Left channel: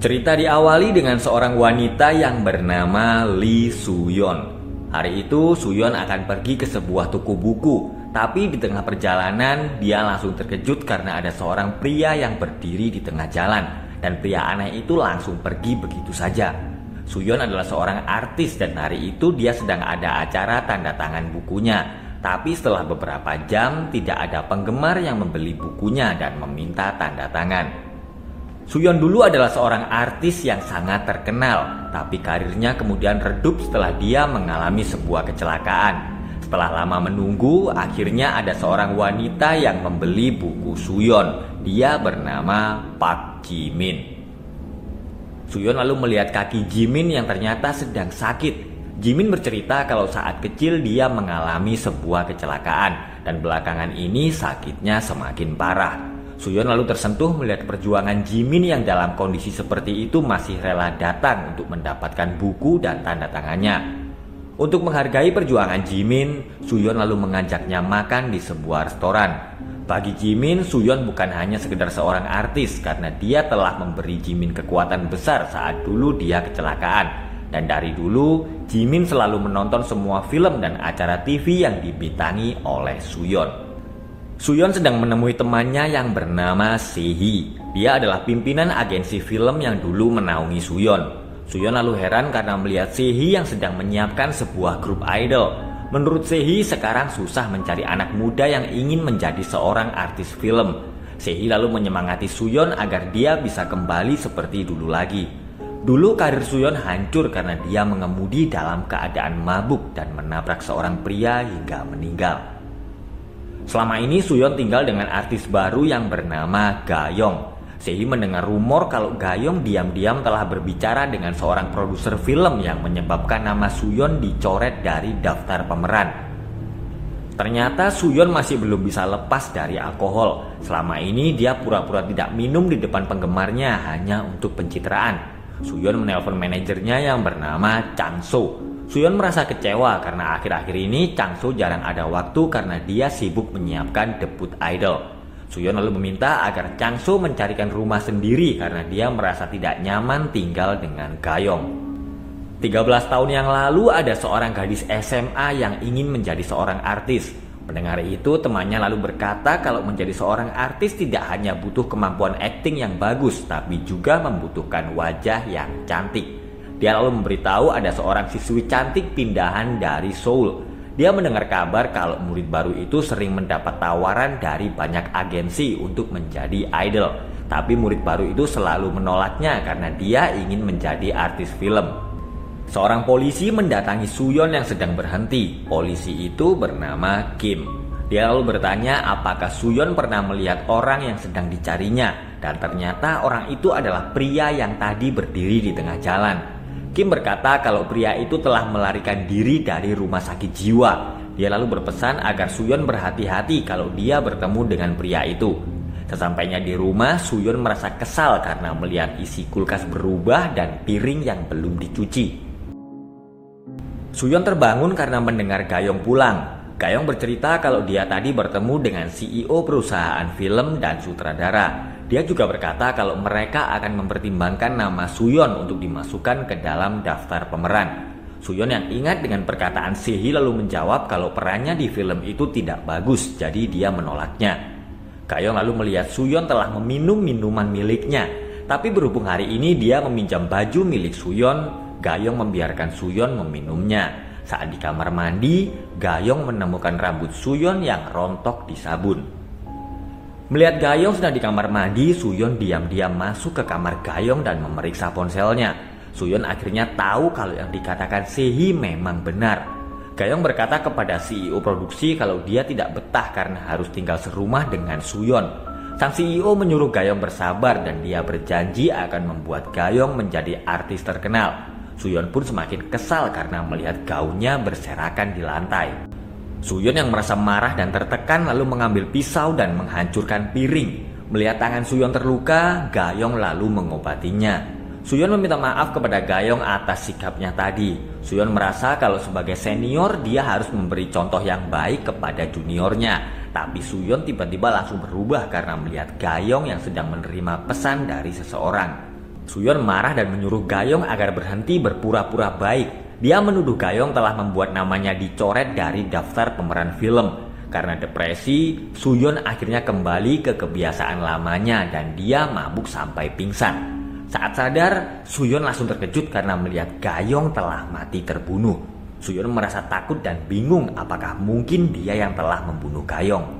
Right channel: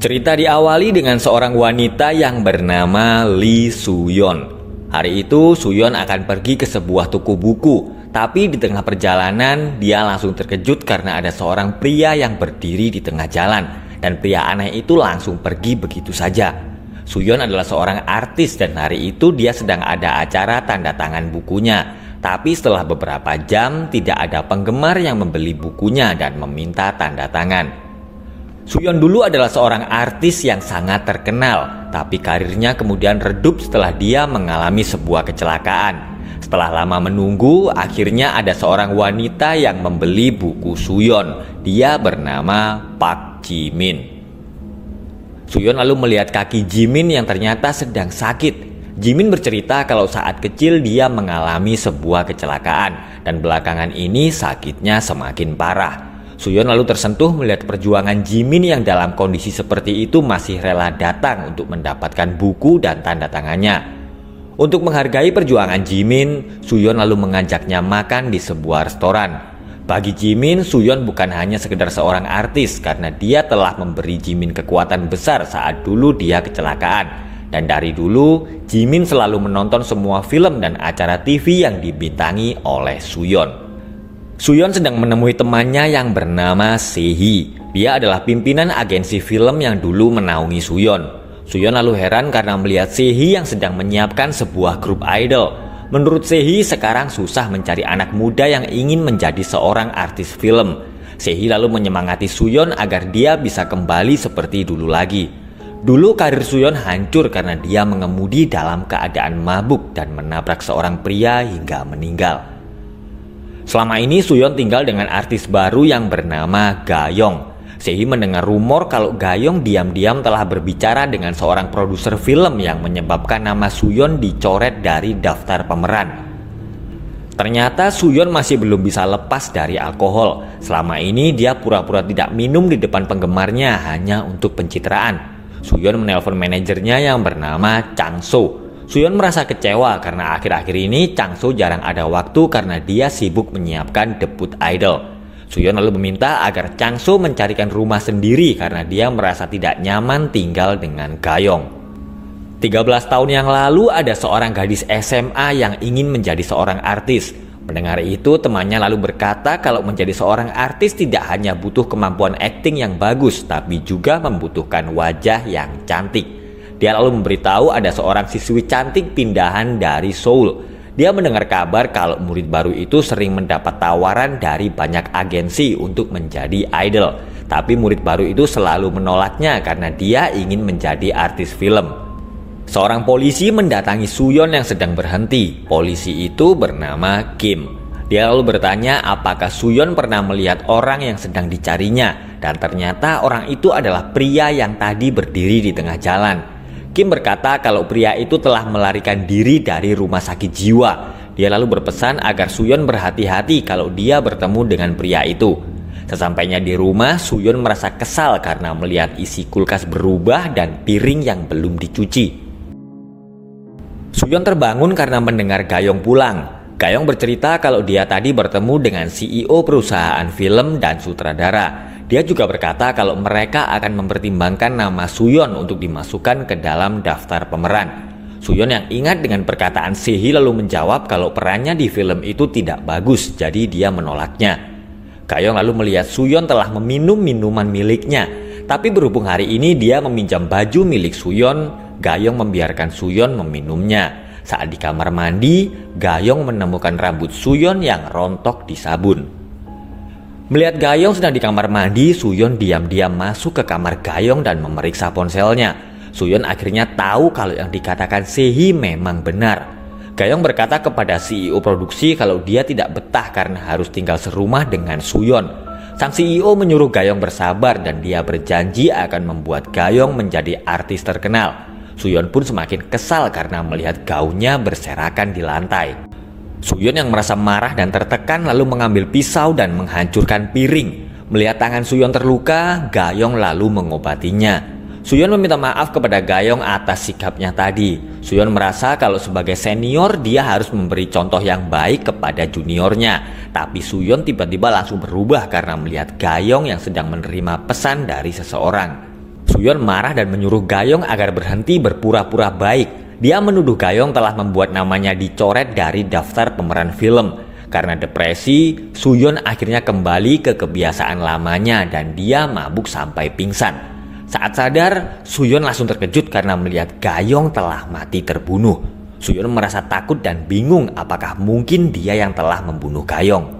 Cerita diawali dengan seorang wanita yang bernama Lee Soo-yeon. Hari itu Soo-yeon akan pergi ke sebuah toko buku, tapi di tengah perjalanan dia langsung terkejut karena ada seorang pria yang berdiri di tengah jalan, dan pria aneh itu langsung pergi begitu saja. Soo-yeon adalah seorang artis dan hari itu dia sedang ada acara tanda tangan bukunya. Tapi setelah beberapa jam tidak ada penggemar yang membeli bukunya dan meminta tanda tangan. Soo-yeon dulu adalah seorang artis yang sangat terkenal, tapi karirnya kemudian redup setelah dia mengalami sebuah kecelakaan. Setelah lama menunggu, akhirnya ada seorang wanita yang membeli buku Soo-yeon. Dia bernama Park Ji-min. Soo-yeon lalu melihat kaki Ji-min yang ternyata sedang sakit. Ji-min bercerita kalau saat kecil dia mengalami sebuah kecelakaan dan belakangan ini sakitnya semakin parah. Soo-yeon lalu tersentuh melihat perjuangan Ji-min yang dalam kondisi seperti itu masih rela datang untuk mendapatkan buku dan tanda tangannya. Untuk menghargai perjuangan Ji-min, Soo-yeon lalu mengajaknya makan di sebuah restoran. Bagi Ji-min, Soo-yeon bukan hanya sekedar seorang artis karena dia telah memberi Ji-min kekuatan besar saat dulu dia kecelakaan. Dan dari dulu, Ji-min selalu menonton semua film dan acara TV yang dibintangi oleh Soo-yeon. Soo-yeon sedang menemui temannya yang bernama Se-hee. Dia adalah pimpinan agensi film yang dulu menaungi Soo-yeon. Soo-yeon lalu heran karena melihat Se-hee yang sedang menyiapkan sebuah grup idol. Menurut Se-hee sekarang susah mencari anak muda yang ingin menjadi seorang artis film. Se-hee lalu menyemangati Soo-yeon agar dia bisa kembali seperti dulu lagi. Dulu karir Soo-yeon hancur karena dia mengemudi dalam keadaan mabuk dan menabrak seorang pria hingga meninggal. Selama ini Soo-yeon tinggal dengan artis baru yang bernama Ga-young. Se-hee mendengar rumor kalau Ga-young diam-diam telah berbicara dengan seorang produser film yang menyebabkan nama Soo-yeon dicoret dari daftar pemeran. Ternyata Soo-yeon masih belum bisa lepas dari alkohol. Selama ini dia pura-pura tidak minum di depan penggemarnya hanya untuk pencitraan. Soo-yeon menelpon manajernya yang bernama Chang So. Soo-yeon merasa kecewa karena akhir-akhir ini Chang So jarang ada waktu karena dia sibuk menyiapkan debut idol. Soo-yeon lalu meminta agar Chang So mencarikan rumah sendiri karena dia merasa tidak nyaman tinggal dengan Ga-young. 13 tahun yang lalu ada seorang gadis SMA yang ingin menjadi seorang artis. Mendengar itu temannya lalu berkata kalau menjadi seorang artis tidak hanya butuh kemampuan akting yang bagus tapi juga membutuhkan wajah yang cantik. Dia lalu memberitahu ada seorang siswi cantik pindahan dari Seoul. Dia mendengar kabar kalau murid baru itu sering mendapat tawaran dari banyak agensi untuk menjadi idol. Tapi murid baru itu selalu menolaknya karena dia ingin menjadi artis film. Seorang polisi mendatangi Soo-yeon yang sedang berhenti. Polisi itu bernama Kim. Dia lalu bertanya apakah Soo-yeon pernah melihat orang yang sedang dicarinya. Dan ternyata orang itu adalah pria yang tadi berdiri di tengah jalan. Kim berkata kalau pria itu telah melarikan diri dari rumah sakit jiwa. Dia lalu berpesan agar Soo-yeon berhati-hati kalau dia bertemu dengan pria itu. Sesampainya di rumah, Soo-yeon merasa kesal karena melihat isi kulkas berubah dan piring yang belum dicuci. Soo-yeon terbangun karena mendengar Ga-young pulang. Ga-young bercerita kalau dia tadi bertemu dengan CEO perusahaan film dan sutradara. Dia juga berkata kalau mereka akan mempertimbangkan nama Soo-yeon untuk dimasukkan ke dalam daftar pemeran. Soo-yeon yang ingat dengan perkataan Se-hee lalu menjawab kalau perannya di film itu tidak bagus, jadi dia menolaknya. Ga-young lalu melihat Soo-yeon telah meminum minuman miliknya, tapi berhubung hari ini dia meminjam baju milik Soo-yeon, Ga-young membiarkan Soo-yeon meminumnya. Saat di kamar mandi, Ga-young menemukan rambut Soo-yeon yang rontok di sabun. Melihat Ga-young sedang di kamar mandi, Soo-yeon diam-diam masuk ke kamar Ga-young dan memeriksa ponselnya. Soo-yeon akhirnya tahu kalau yang dikatakan Se-hee memang benar. Ga-young berkata kepada CEO produksi kalau dia tidak betah karena harus tinggal serumah dengan Soo-yeon. Sang CEO menyuruh Ga-young bersabar dan dia berjanji akan membuat Ga-young menjadi artis terkenal. Soo-yeon pun semakin kesal karena melihat gaunnya berserakan di lantai. Soo-yeon yang merasa marah dan tertekan lalu mengambil pisau dan menghancurkan piring. Melihat tangan Soo-yeon terluka, Ga-young lalu mengobatinya. Soo-yeon meminta maaf kepada Ga-young atas sikapnya tadi. Soo-yeon merasa kalau sebagai senior dia harus memberi contoh yang baik kepada juniornya. Tapi Soo-yeon tiba-tiba langsung berubah karena melihat Ga-young yang sedang menerima pesan dari seseorang. Suyon marah dan menyuruh Gayong agar berhenti berpura-pura baik. Dia menuduh Gayong telah membuat namanya dicoret dari daftar pemeran film. Karena depresi, Suyon akhirnya kembali ke kebiasaan lamanya dan dia mabuk sampai pingsan. Saat sadar, Suyon langsung terkejut karena melihat Gayong telah mati terbunuh. Suyon merasa takut dan bingung apakah mungkin dia yang telah membunuh Gayong.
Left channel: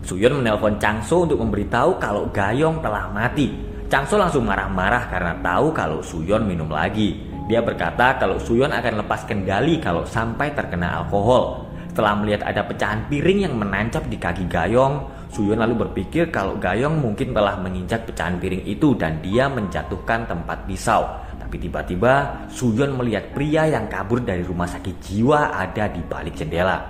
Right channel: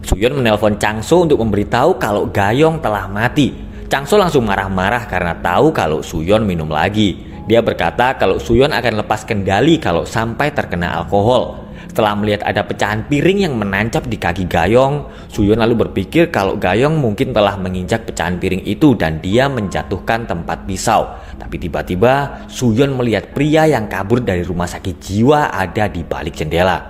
Suyon menelpon Changso untuk memberitahu kalau Gayong telah mati. Changso langsung marah-marah karena tahu kalau Suyon minum lagi. Dia berkata kalau Suyon akan lepas kendali kalau sampai terkena alkohol. Setelah melihat ada pecahan piring yang menancap di kaki Gayong, Suyon lalu berpikir kalau Gayong mungkin telah menginjak pecahan piring itu dan dia menjatuhkan tempat pisau. Tapi tiba-tiba Suyon melihat pria yang kabur dari rumah sakit jiwa ada di balik jendela.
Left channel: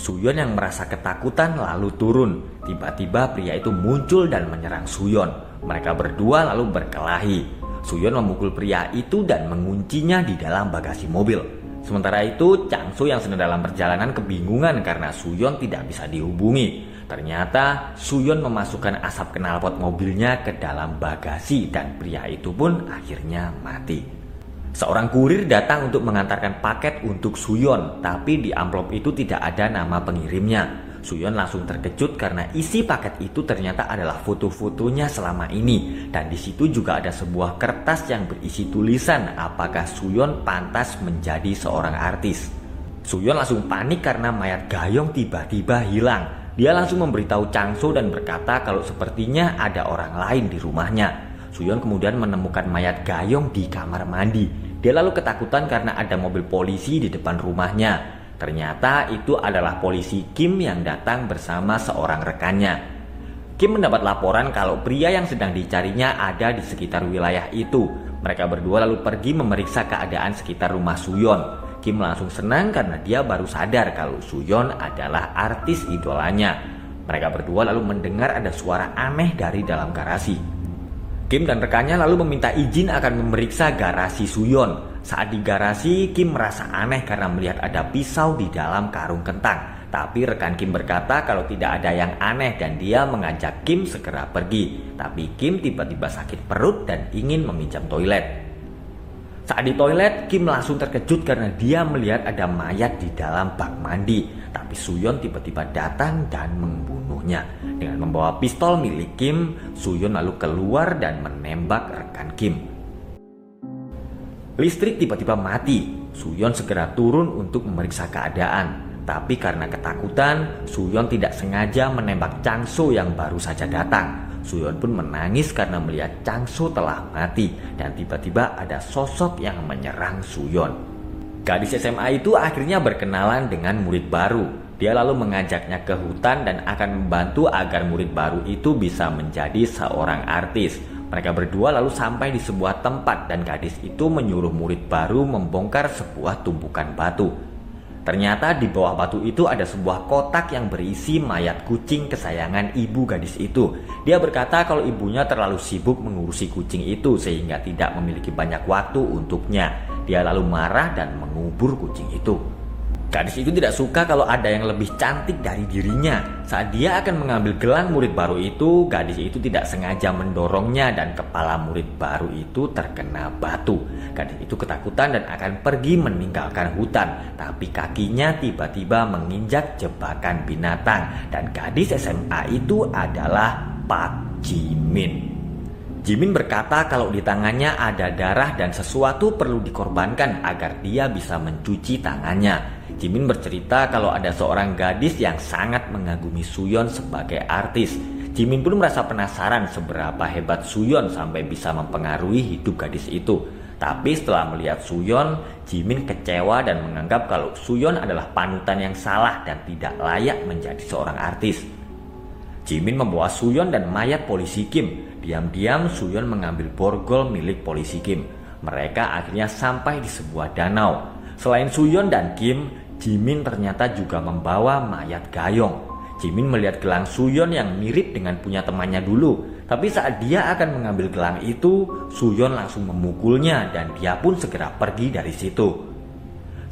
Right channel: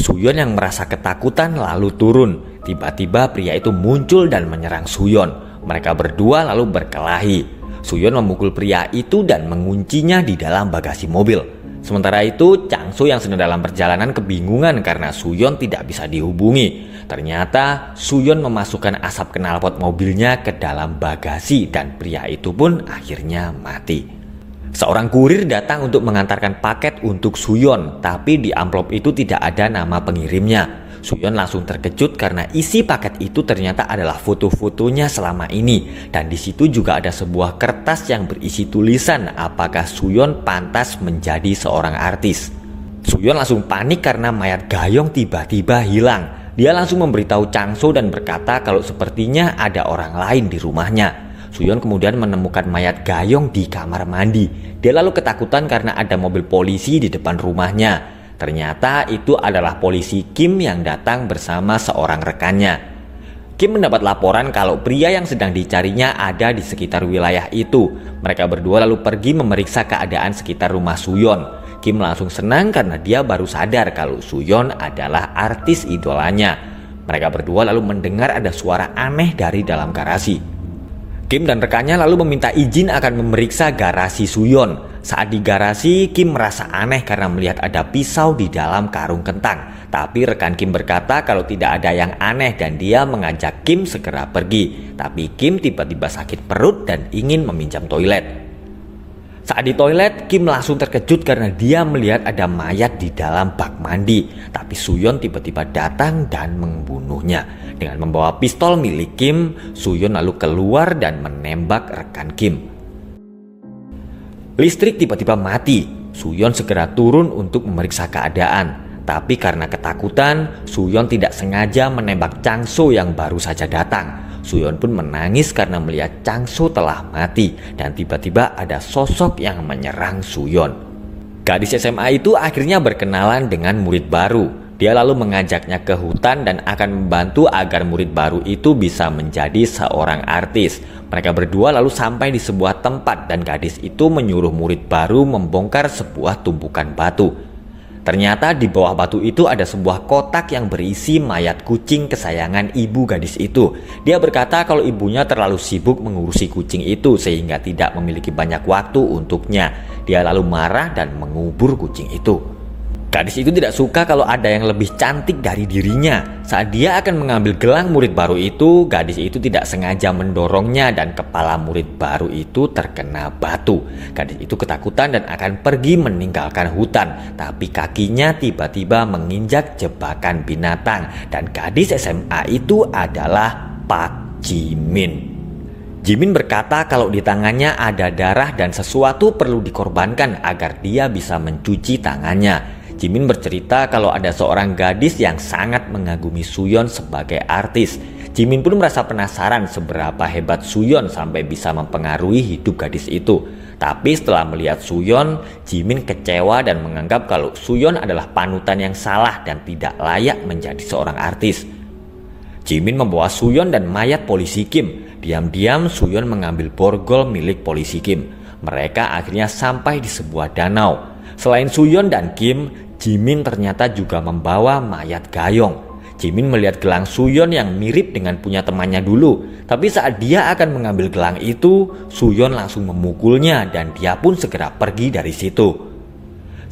Suyon yang merasa ketakutan lalu turun. Tiba-tiba pria itu muncul dan menyerang Suyon. Mereka berdua lalu berkelahi. Suyon memukul pria itu dan menguncinya di dalam bagasi mobil. Sementara itu, Changso yang sedang dalam perjalanan kebingungan karena Suyon tidak bisa dihubungi. Ternyata Suyon memasukkan asap knalpot mobilnya ke dalam bagasi dan pria itu pun akhirnya mati. Seorang kurir datang untuk mengantarkan paket untuk Suyon, tapi di amplop itu tidak ada nama pengirimnya. Suyon langsung terkejut karena isi paket itu ternyata adalah foto-fotonya selama ini. Dan di situ juga ada sebuah kertas yang berisi tulisan apakah Suyon pantas menjadi seorang artis. Suyon langsung panik karena mayat Gayong tiba-tiba hilang. Dia langsung memberitahu Changso dan berkata kalau sepertinya ada orang lain di rumahnya. Suyon kemudian menemukan mayat Gayong di kamar mandi. Dia lalu ketakutan karena ada mobil polisi di depan rumahnya. Ternyata itu adalah polisi Kim yang datang bersama seorang rekannya. Kim mendapat laporan kalau pria yang sedang dicarinya ada di sekitar wilayah itu. Mereka berdua lalu pergi memeriksa keadaan sekitar rumah Suyon. Kim langsung senang karena dia baru sadar kalau Suyon adalah artis idolanya. Mereka berdua lalu mendengar ada suara aneh dari dalam garasi. Kim dan rekannya lalu meminta izin akan memeriksa garasi Suyon. Saat di garasi, Kim merasa aneh karena melihat ada pisau di dalam karung kentang. Tapi rekan Kim berkata kalau tidak ada yang aneh dan dia mengajak Kim segera pergi. Tapi Kim tiba-tiba sakit perut dan ingin meminjam toilet. Saat di toilet, Kim langsung terkejut karena dia melihat ada mayat di dalam bak mandi. Tapi Suyon tiba-tiba datang dan membunuhnya. Dengan membawa pistol milik Kim, Suyon lalu keluar dan menembak rekan Kim. Listrik tiba-tiba mati. Suyon segera turun untuk memeriksa keadaan. Tapi karena ketakutan, Suyon tidak sengaja menembak Changso yang baru saja datang. Suyon pun menangis karena melihat Changso telah mati dan tiba-tiba ada sosok yang menyerang Suyon. Gadis SMA itu akhirnya berkenalan dengan murid baru. Dia lalu mengajaknya ke hutan dan akan membantu agar murid baru itu bisa menjadi seorang artis. Mereka berdua lalu sampai di sebuah tempat dan gadis itu menyuruh murid baru membongkar sebuah tumpukan batu. Ternyata di bawah batu itu ada sebuah kotak yang berisi mayat kucing kesayangan ibu gadis itu. Dia berkata kalau ibunya terlalu sibuk mengurusi kucing itu sehingga tidak memiliki banyak waktu untuknya. Dia lalu marah dan mengubur kucing itu. Gadis itu tidak suka kalau ada yang lebih cantik dari dirinya. Saat dia akan mengambil gelang murid baru itu, gadis itu tidak sengaja mendorongnya dan kepala murid baru itu terkena batu. Gadis itu ketakutan dan akan pergi meninggalkan hutan. Tapi kakinya tiba-tiba menginjak jebakan binatang. Dan gadis SMA itu adalah Pak Jimin. Jimin berkata kalau di tangannya ada darah dan sesuatu perlu dikorbankan agar dia bisa mencuci tangannya. Jimin bercerita kalau ada seorang gadis yang sangat mengagumi Suyon sebagai artis. Jimin pun merasa penasaran seberapa hebat Suyon sampai bisa mempengaruhi hidup gadis itu. Tapi setelah melihat Suyon, Jimin kecewa dan menganggap kalau Suyon adalah panutan yang salah dan tidak layak menjadi seorang artis. Jimin membawa Suyon dan mayat polisi Kim. Diam-diam Suyon mengambil borgol milik polisi Kim. Mereka akhirnya sampai di sebuah danau. Selain Suyon dan Kim, Jimin ternyata juga membawa mayat Gayong. Jimin melihat gelang Suyon yang mirip dengan punya temannya dulu. Tapi saat dia akan mengambil gelang itu, Suyon langsung memukulnya dan dia pun segera pergi dari situ.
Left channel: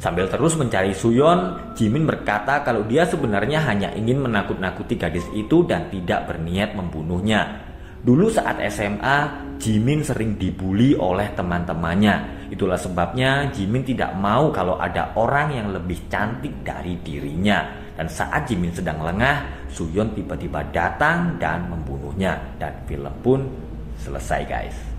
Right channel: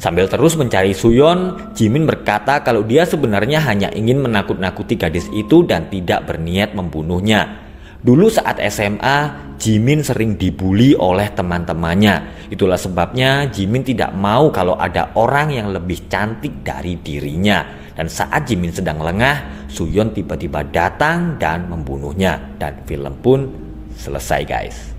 Sambil terus mencari Suyon, Jimin berkata kalau dia sebenarnya hanya ingin menakut-nakuti gadis itu dan tidak berniat membunuhnya. Dulu saat SMA, Jimin sering dibully oleh teman-temannya. Itulah sebabnya Jimin tidak mau kalau ada orang yang lebih cantik dari dirinya. Dan saat Jimin sedang lengah, Suyeon tiba-tiba datang dan membunuhnya. Dan film pun selesai guys.